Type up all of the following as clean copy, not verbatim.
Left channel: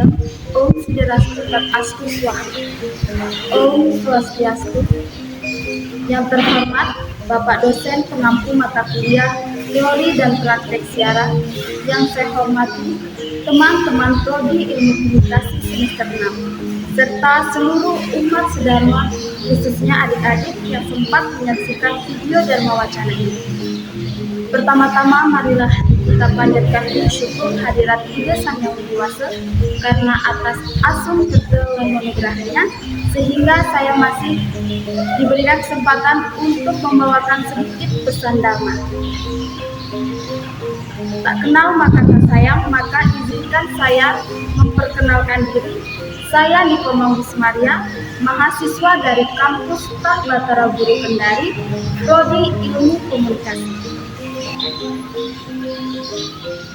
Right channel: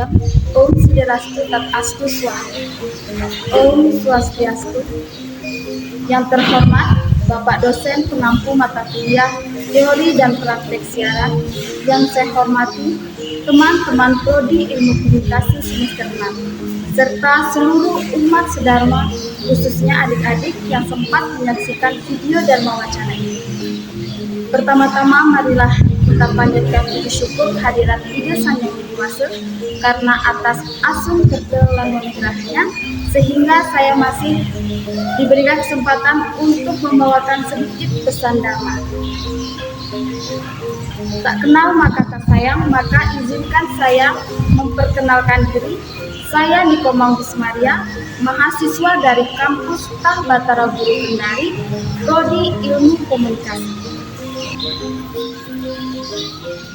Lingam. Om Siderastu Tat Astu Swaha. Om Swastiastu. Yang terhormat Bapak dosen pengampu mata kuliah teori dan praktek siaran, yang saya hormati teman-teman prodi Ilmu Komunikasi semester 6, serta seluruh umat sedharma, khususnya adik-adik yang sempat menyaksikan video Dharma Wacana ini. Pertama-tama marilah kita panjatkan puji syukur hadirat Ida Sang Hyang Widi Wasa karena atas asung kerja lan anugerahnya sehingga saya masih diberikan kesempatan untuk membawakan sedikit pesan Dharma. Tak kenal maka tak sayang, maka izinkan saya memperkenalkan diri. Saya Niko Manggismaria, mahasiswa dari kampus Tah Batara Guru Kendari, Prodi Ilmu Komunikasi.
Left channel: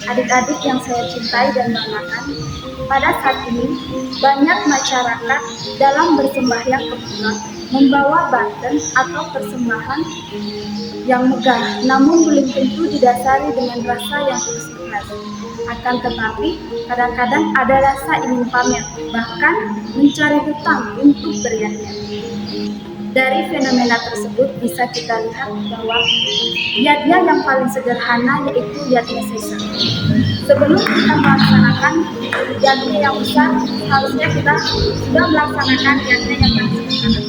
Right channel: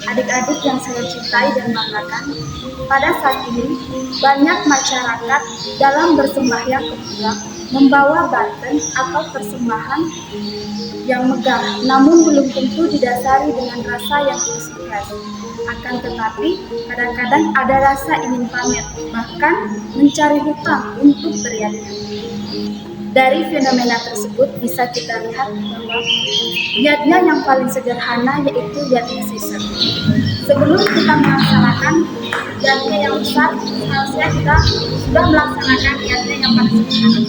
Adik-adik yang saya cintai dan banggakan, pada saat ini banyak masyarakat dalam bersembahyang ke Buddha membawa banten atau persembahan yang megah, namun belum tentu didasari dengan rasa yang tulus ikhlas. Akan tetapi, kadang-kadang ada rasa ingin pamer, bahkan mencari hutang untuk beriatnya. Dari fenomena tersebut bisa kita lihat bahwa yatnya yang paling sederhana yaitu yatnya sesa. Sebelum kita melaksanakan yatnya yang besar, harusnya kita sudah melaksanakan yatnya yang paling sederhana.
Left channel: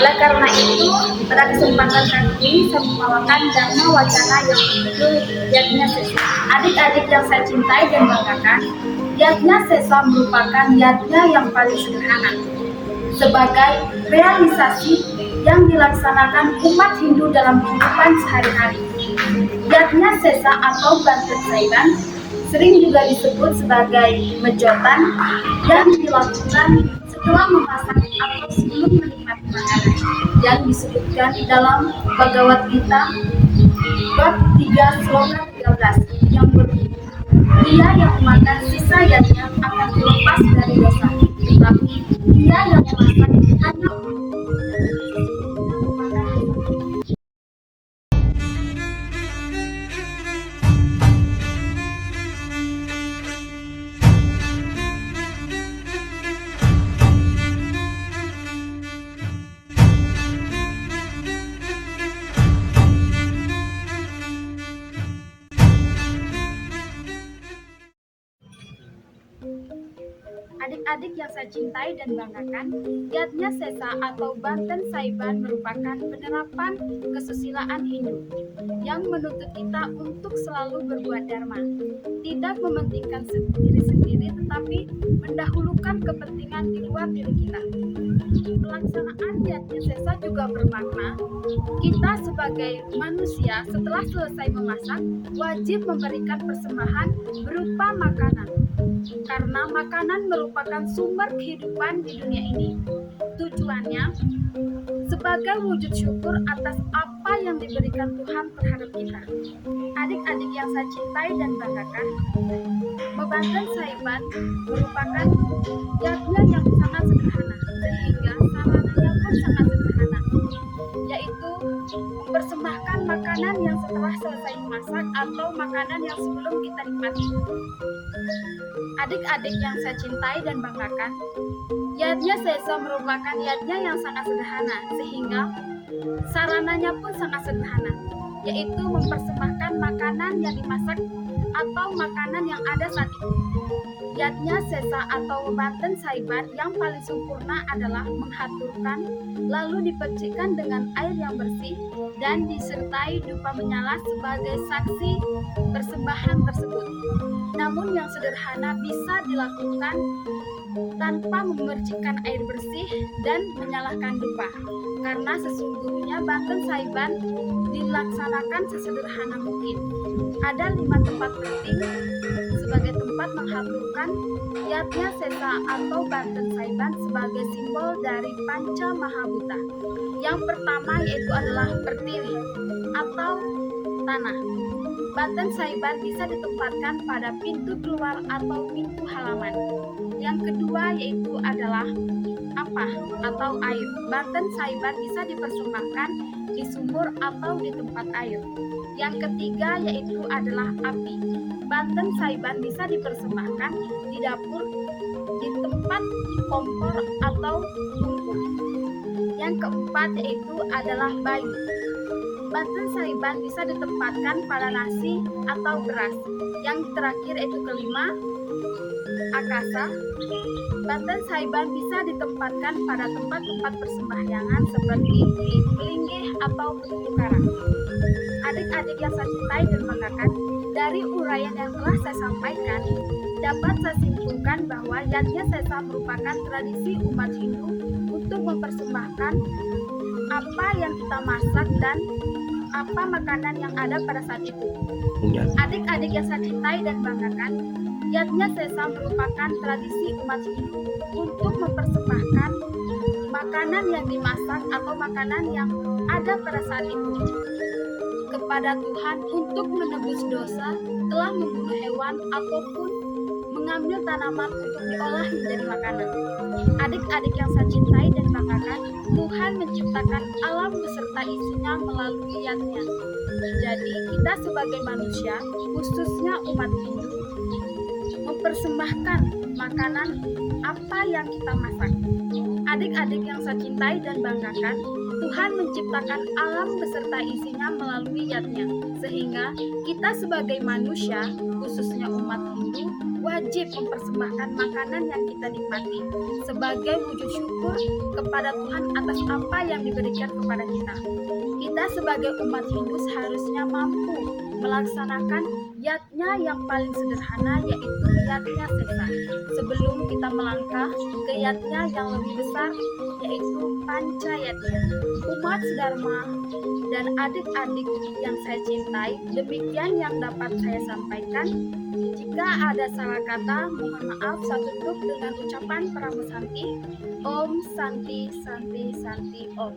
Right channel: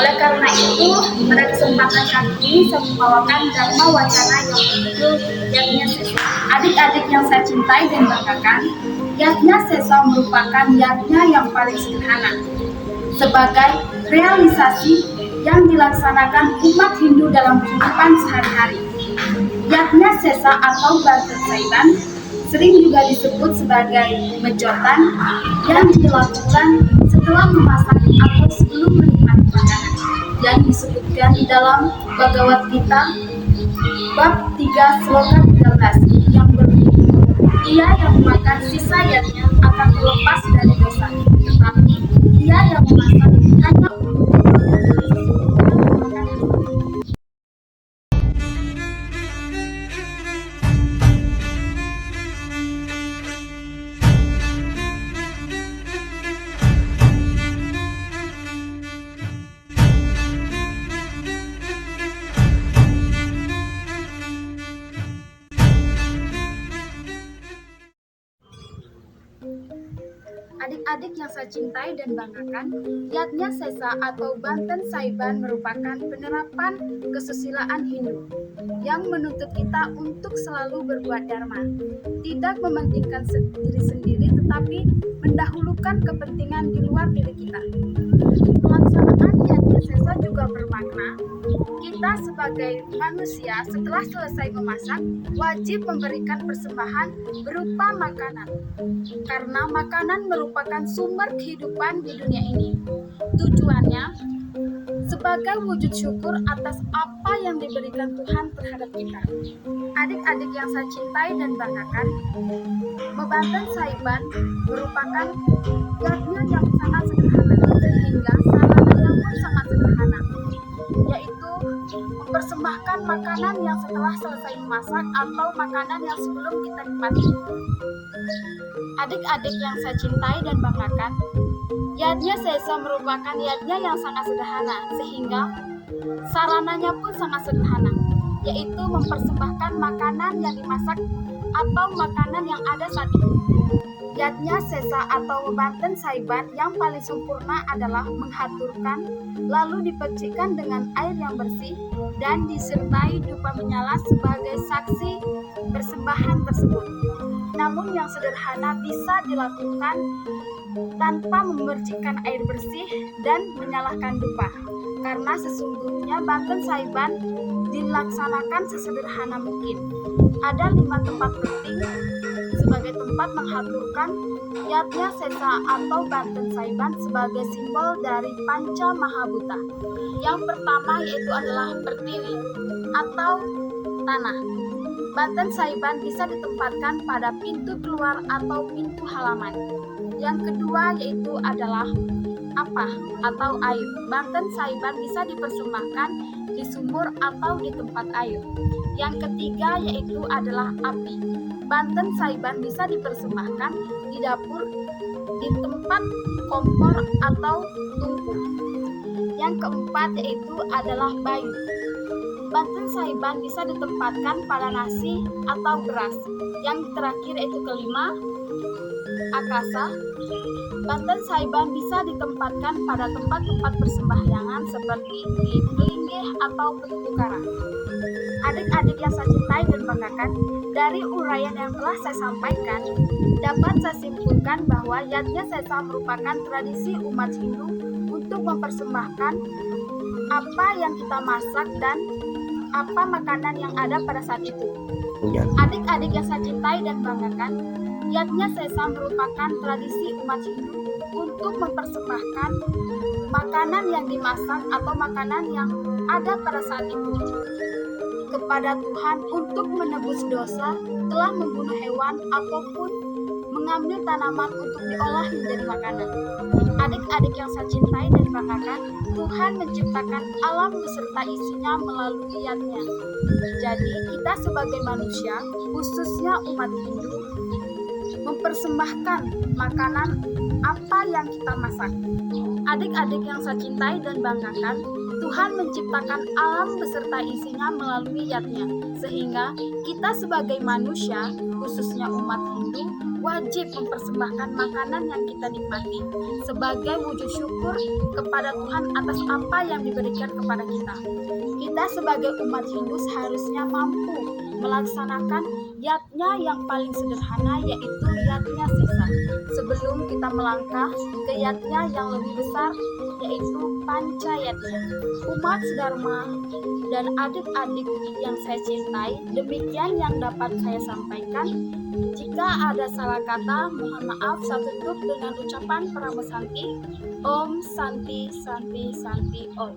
Oleh karena itu, pada kesempatan kali ini saya membawakan Dharma Wacana yang berjudul Yatnya Sesa. Adik-adik yang saya cintai dan banggakan, Yatnya Sesa merupakan yatnya yang paling sederhana sebagai realisasi yang dilaksanakan umat Hindu dalam kehidupan sehari-hari. Yatnya Sesa atau banten saiban sering juga disebut sebagai mejotan yang dilakukan setelah memasak atau sebelum menikmati makanan, yang disebutkan dalam Bhagavad Gita bab 3 sloka 13 yang berbunyi, dia yang memakan sisa yatnya akan terlepas dari dosa, tetapi dia yang memasak hanya Adik-adik yang saya cintai dan banggakan, Yatnya Sesa atau Banten Saiban merupakan penerapan kesusilaan Hindu yang menuntut kita untuk selalu berbuat dharma, tidak mementingkan diri sendiri tetapi mendahulukan kepentingan di luar diri kita. Pelaksanaan Yatnya Sesa juga bermakna kita sebagai manusia setelah selesai memasak wajib memberikan persembahan berupa makanan, karena makanan merupakan sumber kehidupan di dunia ini. Tujuannya sebagai wujud syukur atas apa yang diberikan Tuhan terhadap kita. Adik-adik yang saya cintai dan banggakan, Banten Saiban merupakan yatnya yang sangat sederhana, sehingga sarananya pun sangat sederhana, yaitu mempersembahkan makanan yang setelah selesai memasak atau makanan yang sebelum kita nikmati. Adik-adik yang saya cintai dan banggakan, Yatnya Sesa merupakan yatnya yang sangat sederhana, sehingga sarananya pun sangat sederhana, yaitu mempersembahkan makanan yang dimasak atau makanan yang ada saat itu. Yatnya Sesa atau Banten Saiban yang paling sempurna adalah menghaturkan, lalu dipercikkan dengan air yang bersih dan disertai dupa menyala sebagai saksi persembahan tersebut. Namun yang sederhana bisa dilakukan tanpa memercikkan air bersih dan menyalakan dupa, karena sesungguhnya Banten Saiban dilaksanakan sesederhana mungkin. Ada 5 tempat penting sebagai tempat menghaturkan Yatnya Sesa atau Banten Saiban sebagai simbol dari Panca Mahabhuta. Yang pertama yaitu adalah pertiwi atau tanah. Banten Saiban bisa ditempatkan pada pintu keluar atau pintu halaman. Yang kedua yaitu adalah apa atau air. Banten Saiban bisa dipersembahkan di sumur atau di tempat air. Yang ketiga yaitu adalah api. Banten Saiban bisa dipersembahkan di dapur, di tempat kompor atau tungku. Yang keempat yaitu adalah bayu. Banten Saiban bisa ditempatkan pada nasi atau beras. Yang terakhir yaitu kelima, akasa. Banten Saiban bisa ditempatkan pada tempat-tempat persembahyangan seperti di pelinggih atau penutu karang. Adik-adik yang saya cintai dan banggakan, dari uraian yang telah saya sampaikan, dapat saya simpulkan bahwa Yatnya Sesa merupakan tradisi umat Hindu untuk mempersembahkan apa yang kita masak dan apa makanan yang ada pada saat itu. Adik-adik yang saya cintai dan banggakan, Yatnya Sesa merupakan tradisi umat Hindu untuk mempersembahkan makanan yang dimasak atau makanan yang ada pada saat itu kepada Tuhan untuk menebus dosa telah membunuh hewan ataupun mengambil tanaman untuk diolah menjadi makanan. Adik-adik yang saya cintai dan banggakan, Tuhan menciptakan alam beserta isinya melalui Yatnya. Jadi kita sebagai manusia, khususnya umat Hindu, mempersembahkan makanan apa yang kita masak. Adik-adik yang saya cintai dan banggakan, Tuhan menciptakan alam beserta isinya melalui Yatnya, sehingga kita sebagai manusia, khususnya umat Hindu, wajib mempersembahkan makanan yang kita nikmati sebagai wujud syukur kepada Tuhan atas apa yang diberikan kepada kita. Kita sebagai umat Hindu seharusnya mampu melaksanakan Yatnya yang paling sederhana, yaitu Yatnya Sesa, sebelum kita melangkah ke Yatnya yang lebih besar, yaitu Panca Yatnya. Umat Dharma dan adik-adik yang saya cintai, demikian yang dapat saya sampaikan. Jika ada salah kata, mohon maaf. Saya tutup dengan ucapan Paramasanti. Om Santi Santi Santi Om.